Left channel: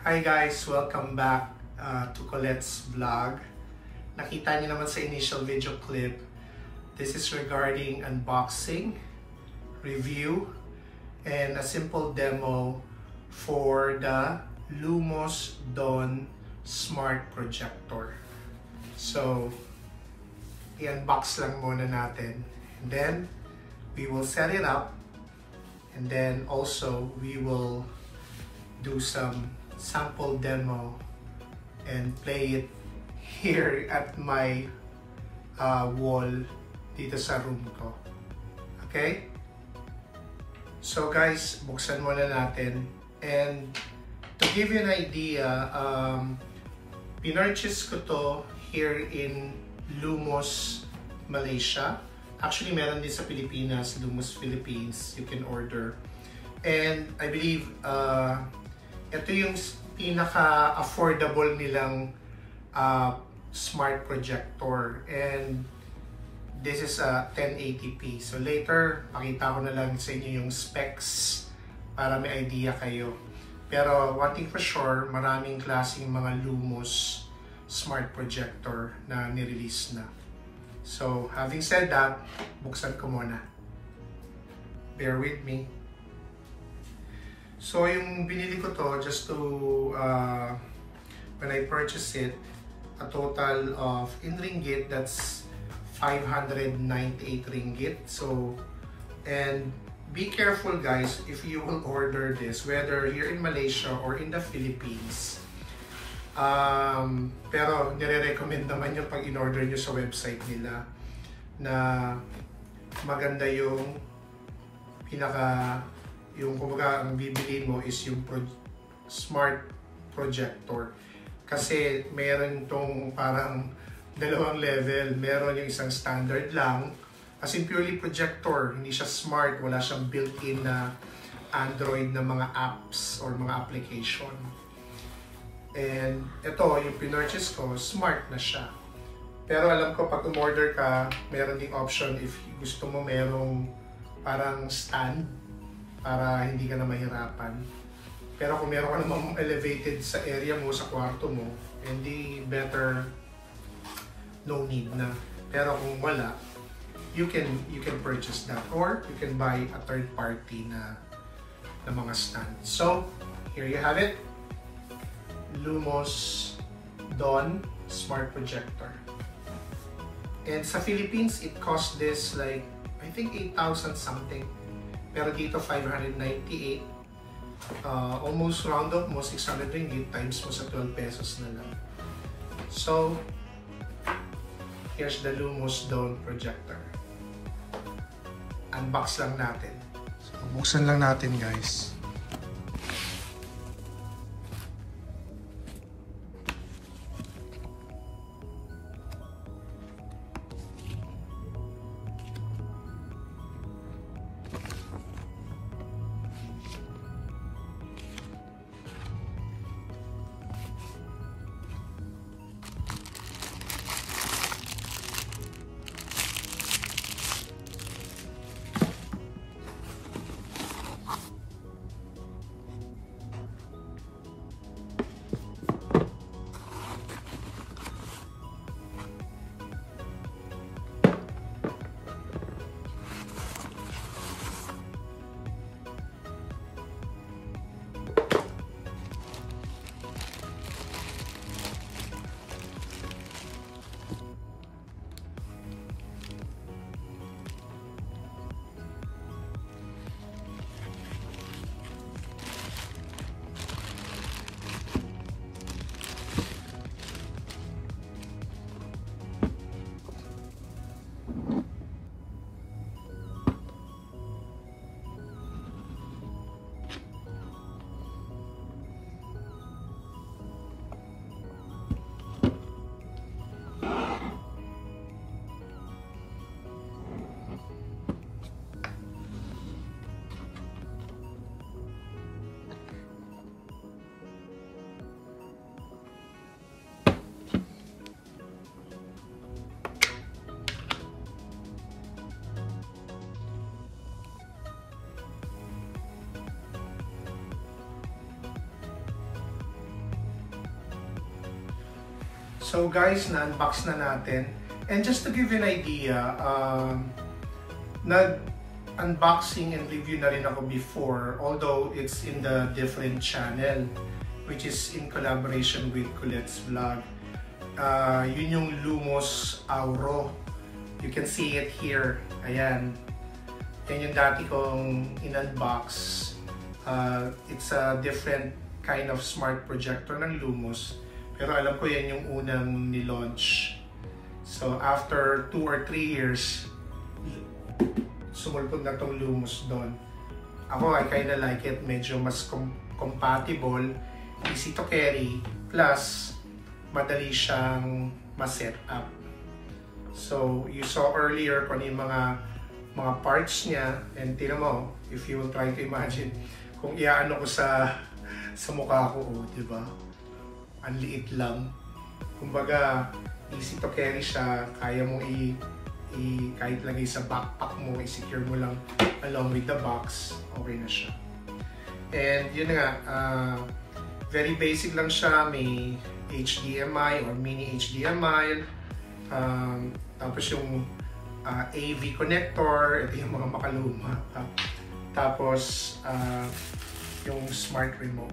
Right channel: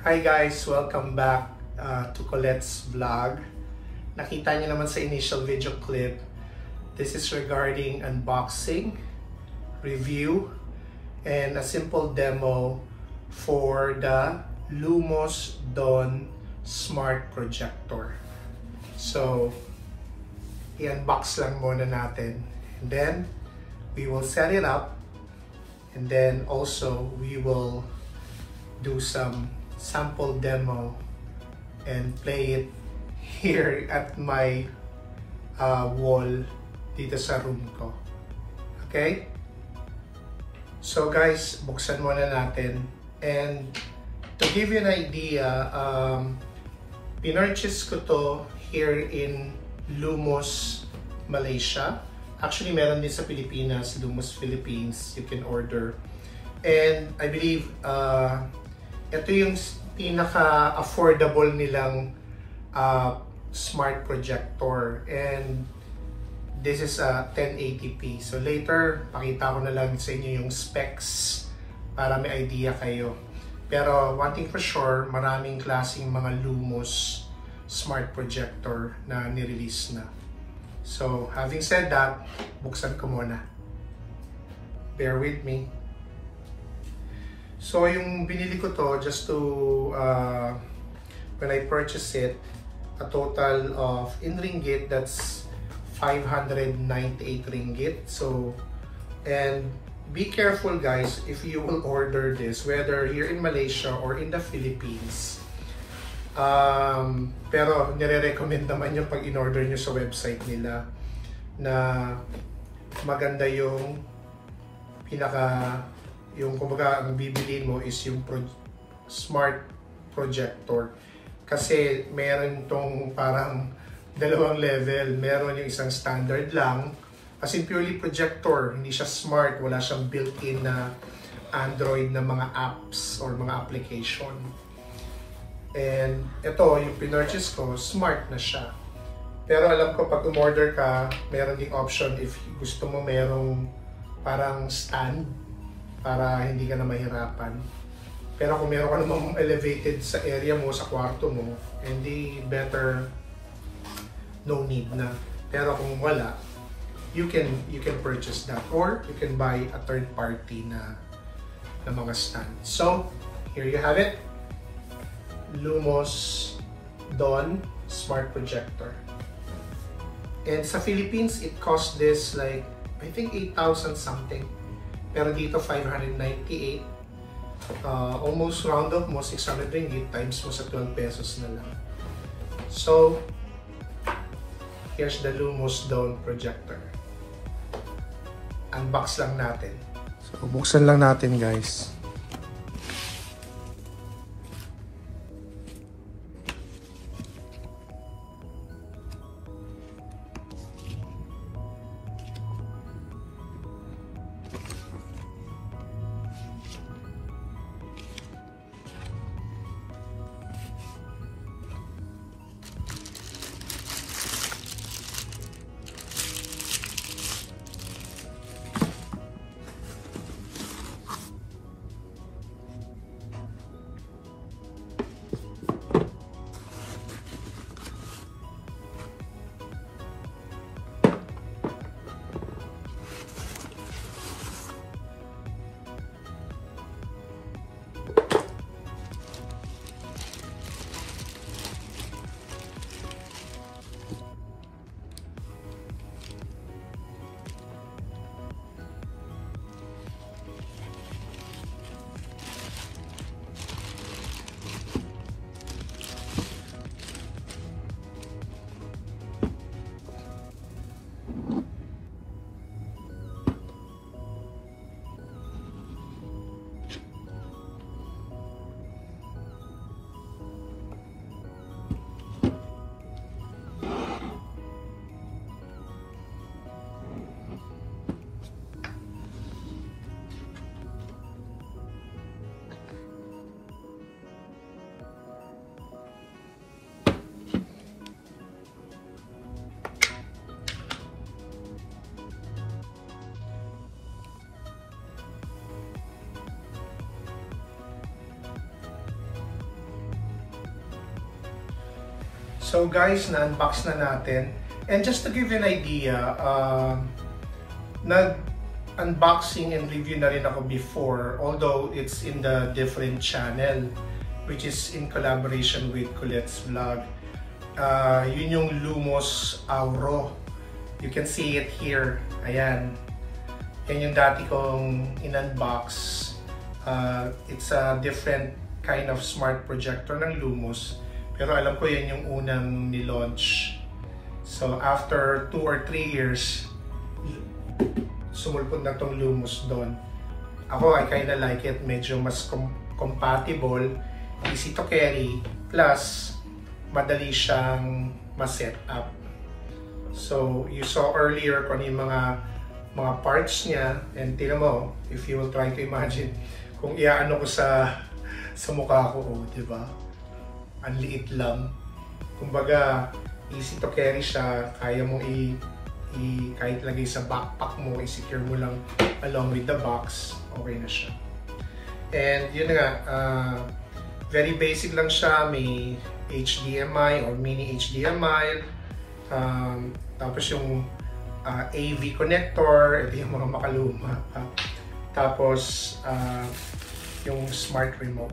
Hi guys! Welcome back to Colette's vlog. Nakita niyo naman sa initial video clip, this is regarding unboxing, review, and a simple demo for the Lumos Dawn Smart Projector. So, i-unbox lang muna natin. And then, we will set it up. And then also, we will do some sample demo and play it here at my wall dito sa room ko. Okay? So guys, buksan muna natin. And to give you an idea, pinurchase ko to here in Lumos, Malaysia. Actually, meron din sa Pilipinas, Lumos Philippines, you can order. And I believe, ito yung pinaka-affordable nilang smart projector. And this is a 1080p. So later, pakita ko na lang sa inyo yung specs para may idea kayo. Pero one thing for sure, maraming klaseng mga Lumos smart projector na nirelease na. So, having said that, buksan ko muna. Bear with me. So, yung binili ko to, just to, when I purchased it, a total of, in ringgit, that's 598 ringgit. So, and be careful guys, if you will order this, whether here in Malaysia or in the Philippines. Pero nire-recommend naman yung pag in-order nyo sa website nila na maganda yung yung kumbaga ang bibilin mo is yung smart projector. Kasi meron tong parang dalawang level. Meron yung isang standard lang, as in purely projector, hindi siya smart, wala siyang built-in na Android na mga apps or mga application. And ito, yung pinurchase ko, smart na siya. Pero alam ko pag umorder ka, meron ding option if gusto mo merong parang stand para hindi ka na mahirapan. Pero kung meron ka namang elevated sa area mo, sa kwarto mo, hindi better, no need na. Pero kung wala, you can purchase that or you can buy a third party na mga stand. So, here you have it. Lumos Dawn Smart Projector. And sa Philippines, it cost this like, I think 8,000 something. Pero dito 598. Almost round up mo, 600 ringgit times mo sa 12 pesos na lang. So, here's the Lumos Dawn Projector. Unbox lang natin. So, buksan lang natin guys. So guys, na-unbox na natin. And just to give you an idea, nag-unboxing and review na rin ako before, although it's in the different channel, which is in collaboration with Colette's Vlog. Yun yung Lumos Auro. You can see it here. Ayan. Yan yung dati kong in-unbox. It's a different kind of smart projector ng Lumos. Pero alam ko yan yung unang nilaunch. So after 2 or 3 years, sumulpot na tong Lumos doon. Ako, I kinda like it. Medyo mas compatible, easy to carry, plus madali siyang ma-set up. So you saw earlier kung ano yung mga parts niya, and tingnan mo, if you will try to imagine kung iaano ko sa mukha ko, oh, di ba? Ang liit lang. Kumbaga, easy to carry siya, kaya mo kahit lagay sa backpack mo, i-secure mo lang along with the box, okay na siya. And yun nga, very basic lang siya, may HDMI or mini HDMI, tapos yung AV connector, ito yung mga makaluma pa. Tapos yung smart remote.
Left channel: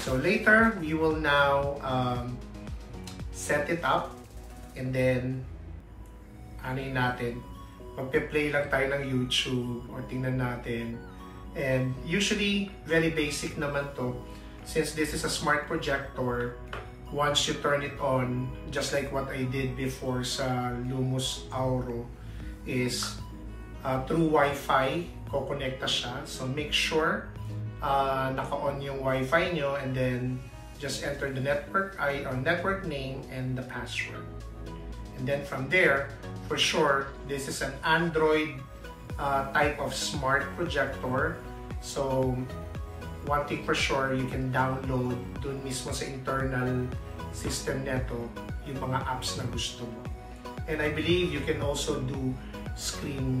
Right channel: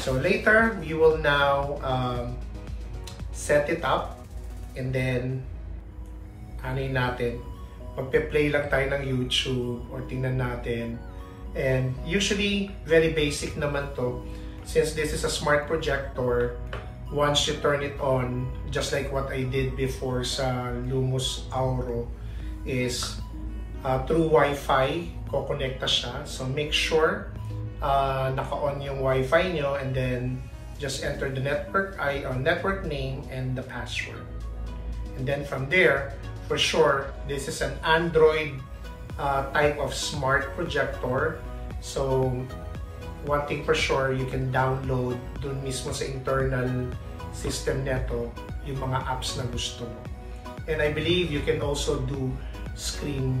So later, we will now set it up, and then anuin natin, magpe-play lang tayo ng YouTube or tingnan natin. And usually, very basic naman to. Since this is a smart projector, once you turn it on, just like what I did before sa Lumos Auro, is through Wi-Fi, kukonekta siya. So make sure naka-on yung Wi-Fi nyo, and then just enter the network name and the password. And then from there, for sure, this is an Android type of smart projector. So one thing for sure, you can download dun mismo sa internal system neto yung mga apps na gusto mo. And I believe you can also do screen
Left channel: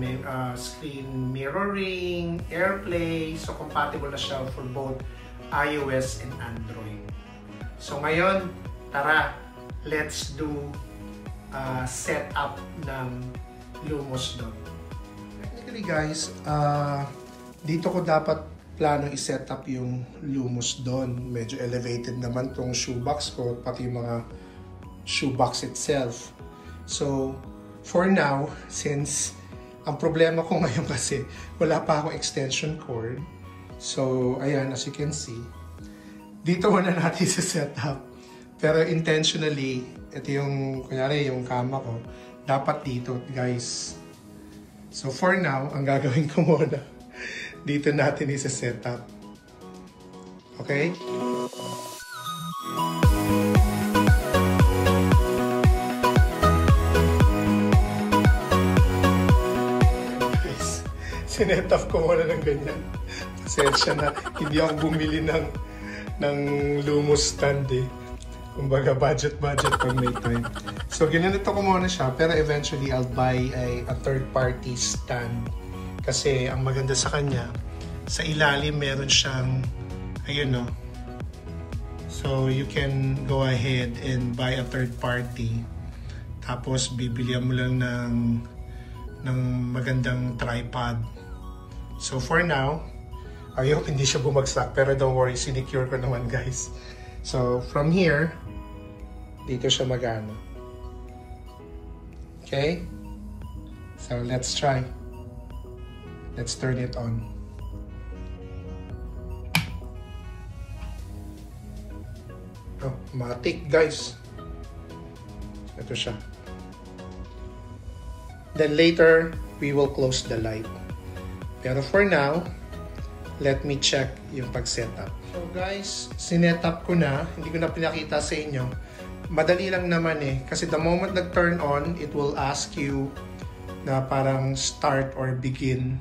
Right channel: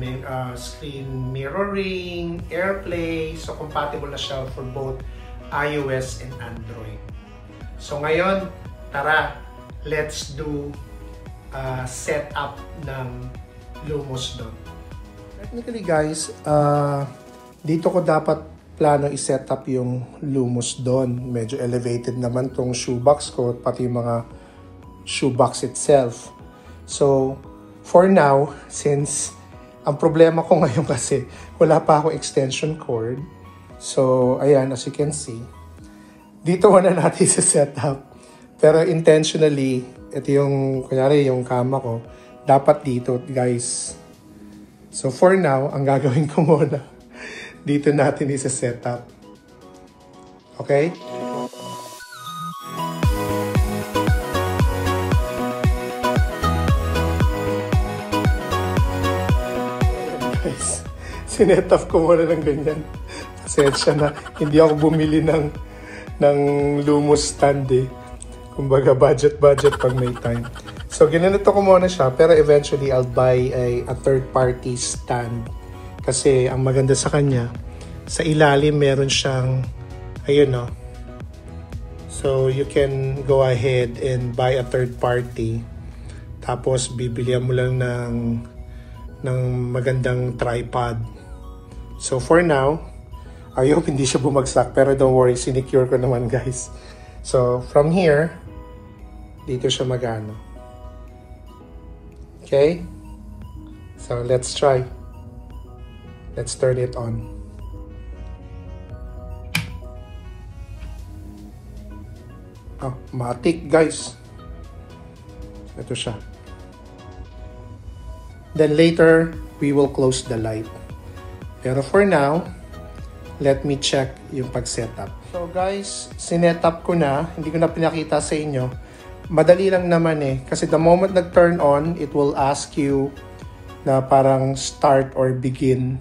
mirroring, AirPlay, so compatible na siya for both iOS and Android. So ngayon, tara, let's do setup ng Lumos doon. Technically guys, dito ko dapat plano i-set up yung Lumos doon. Medyo elevated naman tong shoebox ko, pati yung mga shoebox itself. So, for now, since ang problema ko ngayon kasi wala pa akong extension cord. So, ayan, as you can see, dito muna natin i-set up. Pero intentionally, ito yung, kunyari yung kama ko, dapat dito, guys. So, for now, ang gagawin ko muna, dito natin i-set up. Okay? Guys, sinet up ko muna ng ganyan. Pasensya na, hindi ako bumili ng Lumos stand eh. Kumbaga budget pag may time. So ginanito ko muna siya, pero eventually I'll buy a third party stand. Kasi ang maganda sa kanya, sa ilalim meron siyang, ayun no. So you can go ahead and buy a third party. Tapos bibilihan mo lang ng magandang tripod. So for now, I hope hindi siya bumagsak, pero don't worry, sinecure ko naman guys. So from here, dito siya magano. Okay? So let's try. Let's turn it on. Oh, matik guys. Ito siya. Then later, we will close the light. Pero for now, let me check yung pag-setup. So guys, sinetup ko na. Hindi ko na pinakita sa inyo. Madali lang naman eh. Kasi the moment nag-turn on, it will ask you na parang start or begin.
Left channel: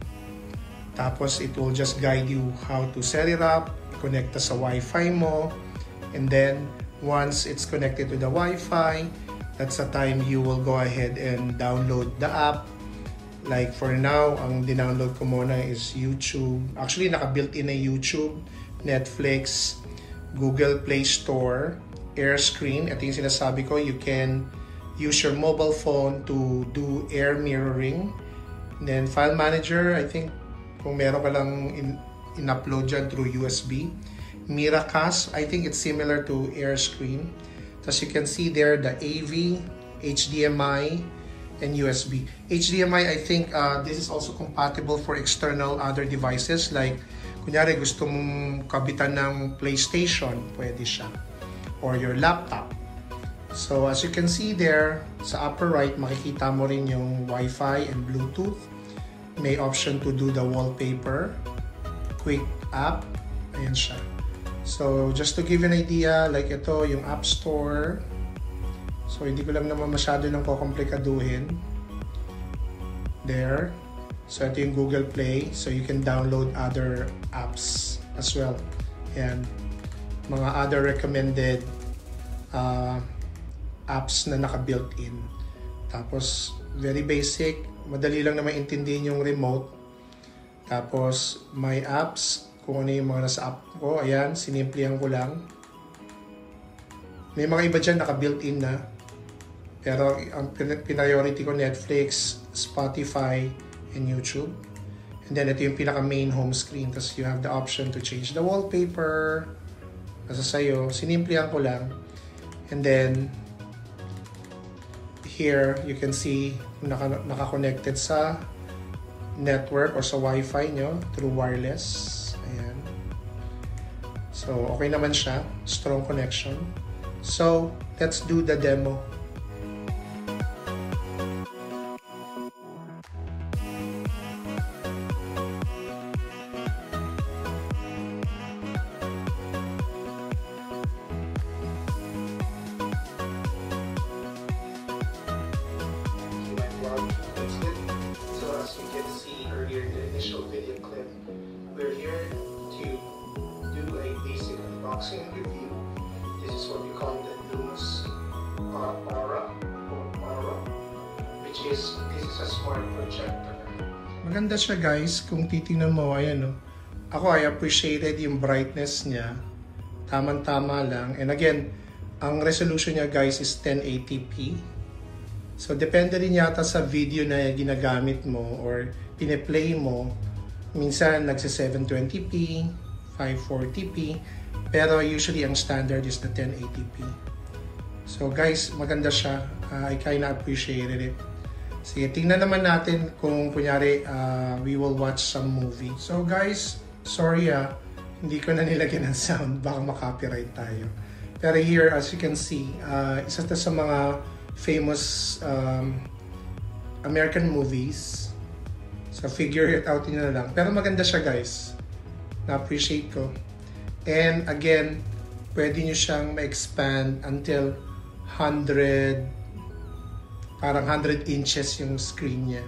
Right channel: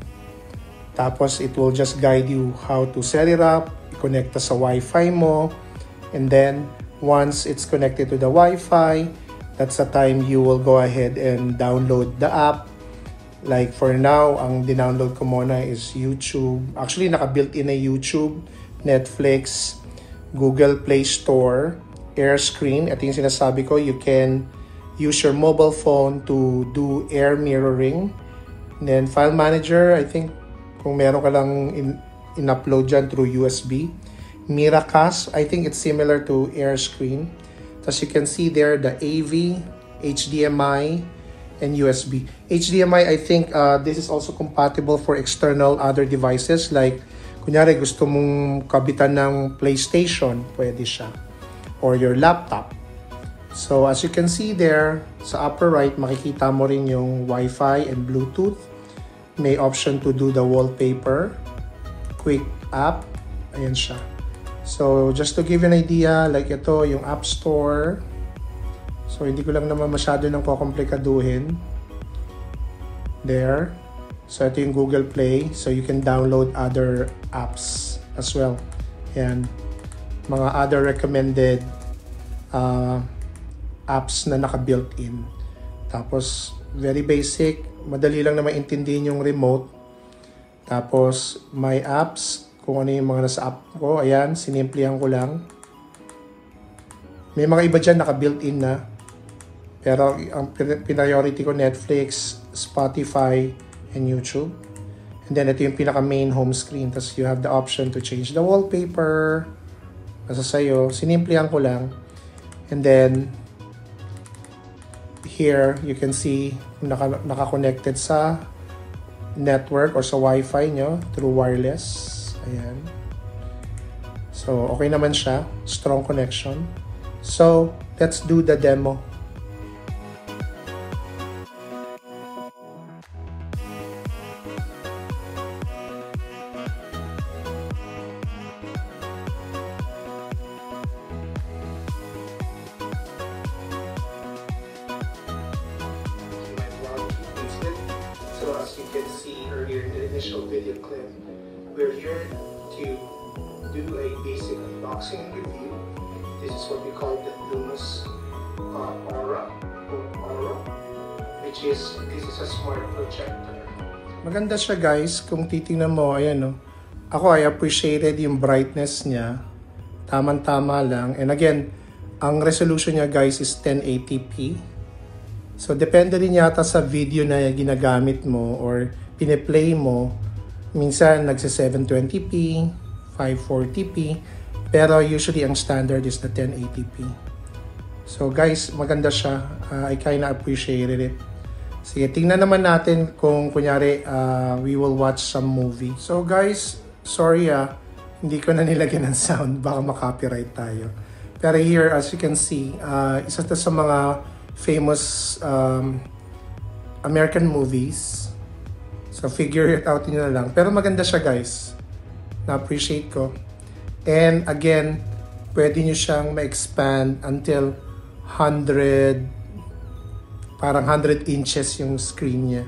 Tapos it will just guide you how to set it up, i-connect sa Wi-Fi mo, and then once it's connected to the Wi-Fi, that's the time you will go ahead and download the app. Like for now, ang dinownload ko muna is YouTube. Actually, naka-built in na YouTube, Netflix, Google Play Store, air screen. Ito yung sinasabi ko, you can use your mobile phone to do air mirroring. And then file manager, I think kung meron ka lang in-upload dyan through USB. Miracast, I think it's similar to air screen. As you can see there, the AV, HDMI, and USB. HDMI, I think this is also compatible for external other devices. Like, kunyari gusto mong kabitan ng PlayStation, pwede siya. Or your laptop. So, as you can see there, sa upper right, makikita mo rin yung Wi-Fi and Bluetooth. May option to do the wallpaper. Quick app. Ayan siya. So, just to give you an idea, like ito, yung App Store. So, hindi ko lang naman masyado nang kukomplikaduhin. There. So, ito yung Google Play. So, you can download other apps as well. Ayan. Mga other recommended apps na naka-built in. Tapos, very basic. Madali lang na maintindihin yung remote. Tapos, my apps. Kung ano yung mga nasa app ko. Ayan, sinimplihan ko lang. May mga iba dyan naka-built in na. Pero, ang priority ko, Netflix, Spotify, and YouTube. And then, ito yung pinaka-main home screen. Tapos, you have the option to change the wallpaper. Nasa sa'yo. Sinimplihan ko lang. And then, here, you can see naka-connected sa network or sa Wi-Fi nyo through wireless. Ayan. So, okay naman siya. Strong connection. So, let's do the demo. So as you can see earlier in the initial video clip, we're here to do a basic unboxing review. This is what we call the Lumos Aura, which is, this is a smart projector. Maganda siya guys, kung titingnan mo, ayan no. Ako, I appreciated yung brightness niya. Tama-tama lang. And again, ang resolution niya guys is 1080p. So, depende rin yata sa video na ginagamit mo or piniplay mo. Minsan, nagsa-720p, 540p. Pero usually, ang standard is the 1080p. So, guys, maganda siya. I kinda appreciated it. Sige, tingnan naman natin kung kunyari, we will watch some movie. So, guys, sorry hindi ko na nilagyan ng sound. Baka makopyright tayo. Pero here, as you can see, isa to sa mga famous American movies. So, figure it out nyo na lang. Pero maganda siya, guys. Na-appreciate ko. And, again, pwede nyo siyang ma-expand until 100, parang 100 inches yung screen niya.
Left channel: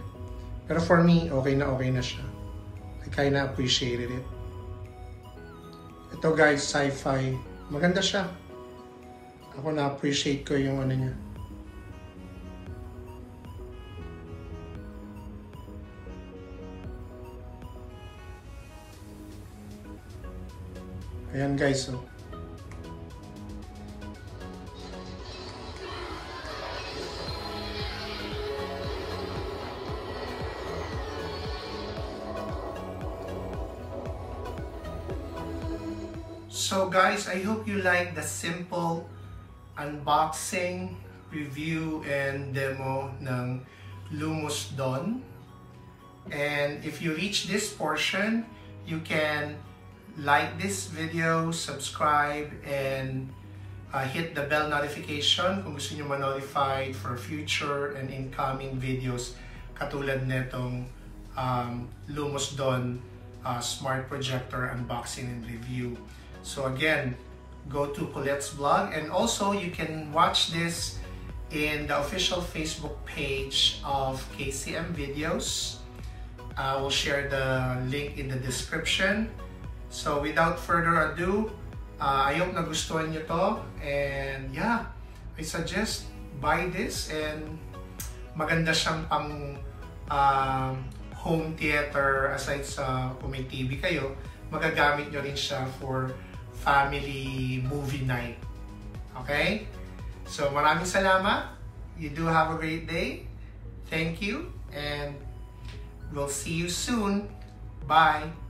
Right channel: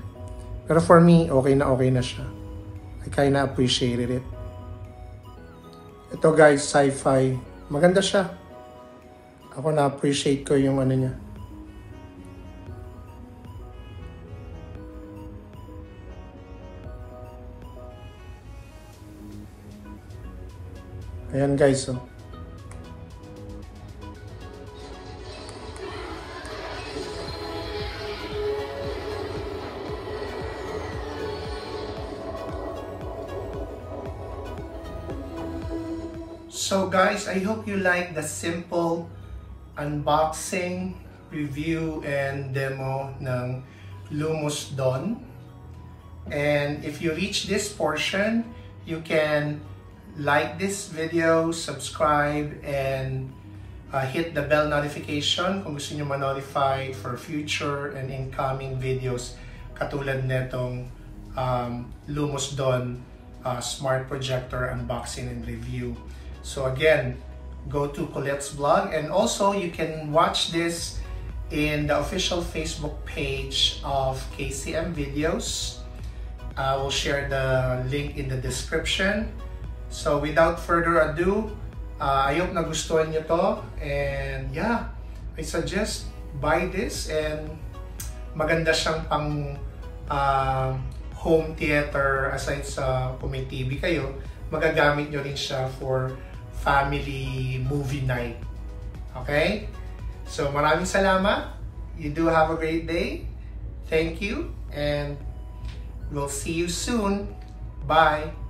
Pero for me, okay na siya. I kinda appreciated it. Ito, guys, sci-fi. Maganda siya. Ako na-appreciate ko yung ano niya. Ayan guys, oh. So guys, I hope you like the simple unboxing, review, and demo ng Lumos Dawn. And if you reach this portion, you can like this video, subscribe, and hit the bell notification kung gusto nyo ma-notified for future and incoming videos katulad netong Lumos Dawn smart projector unboxing and review. So again, go to Colette's blog, and also you can watch this in the official Facebook page of KCM Videos. I will share the link in the description. So without further ado, I hope nagustuhan nyo to, and yeah, I suggest buy this, and maganda siyang pang home theater. Aside sa kung may TV kayo, magagamit nyo rin siya for family movie night. Okay? So maraming salamat. You do have a great day. Thank you and we'll see you soon. Bye!